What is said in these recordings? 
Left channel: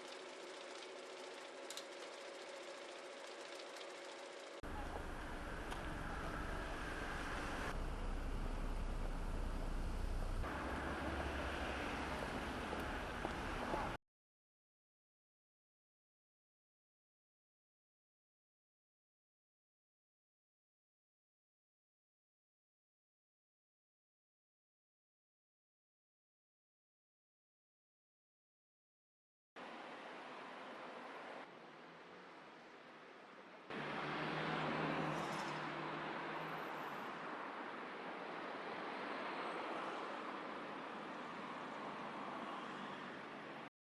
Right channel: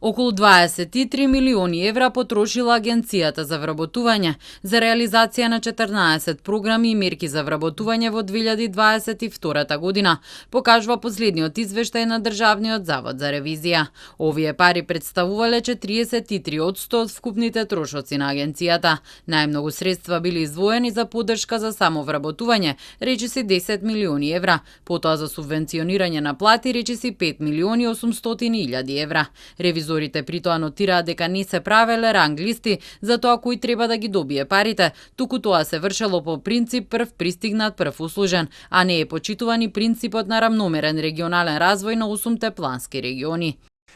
Околу 23 милиони евра потрошила Агенцијата за вработување за реализација на 14 програми и мерки за вработување во 2022 година, покажува последниот извештај на Државниот завод за ревизија. Овие пари представувале 43% од вкупните трошоци на агенцијата. Најмногу средства били издвоени за поддршка за самовработување, речиси 10 милиони евра, потоа за субвенционирање на плати, речиси 5 милиони 800 илјади евра. Ревизорите при тоа нотираат дека не се правеле ранг листи за тоа кој треба да ги добие парите, туку тоа се вршело по принцип прв пристигнат, прв услужен, а не е почитуван и принципот на рамномерен регионален развој на 8 плански региони.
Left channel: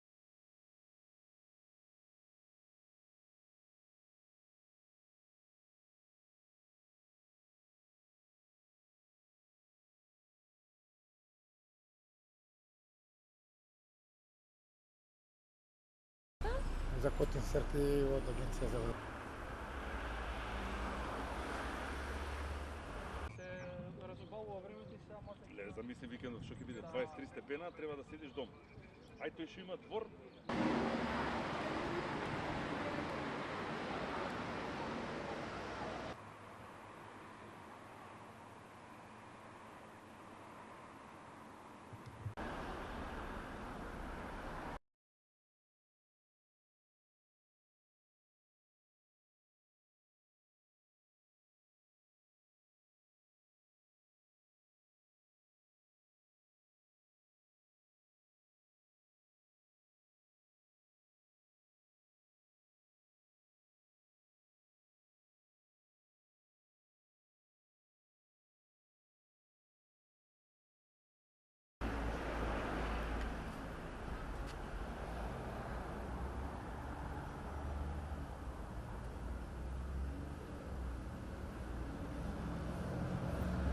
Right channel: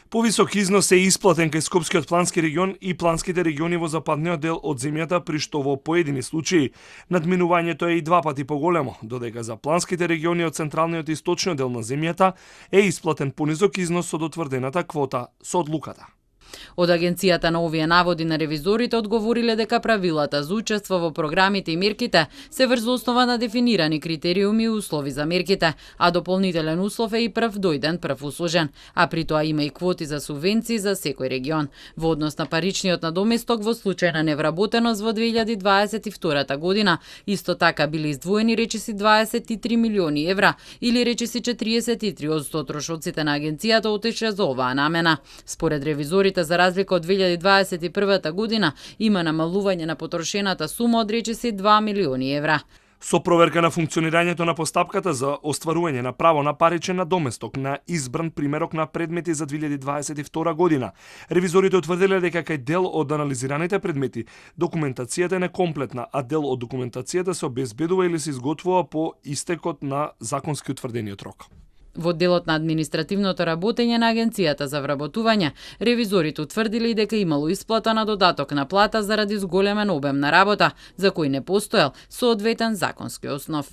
Повисок износ е исплатен кај Скопскиот плански регион и планските региони во западниот дел од земјата, при што во поедини случаи надминувањето е и 2 пати поголемо, додека за планските региони од централниот и источниот дел на земјата е исплатен понизок износ од утврдената квота со одлуката. Од агенцијата на овие наводи на ревизорите одговориле дека правилата за учество во програмите и мерките се врз основа на дефинирани критериуми и услови за мерките, а дополнителен услов е и прв дојден, прв услужен, а при тоа има и квоти за субвенции за секој регион. Во однос на паричниот надоместок во случај на невработеност во 2022 година, исто така били издвоени речиси 23 милиони евра или речиси 43% од трошоците на агенцијата отишле за оваа намена. Според ревизорите, за разлика од 2021 година, има намалување на потрошената сума од речиси 2 милиони евра. Со проверка на функционирањето на постапката за остварување на право на паричен надоместок на избран примерок на предмети за 2022 година, ревизорите утврдиле дека кај дел од анализираните предмети документацијата е некомплетна, а дел од документацијата се обезбедува или се изготвува по истекот на законски утврдениот рок. Во делот на административното работење на Агенцијата за вработување, ревизорите утврдили дека имало исплата на додаток на плата заради зголемен обем на работа, за кој не постоел соодветен законски основ.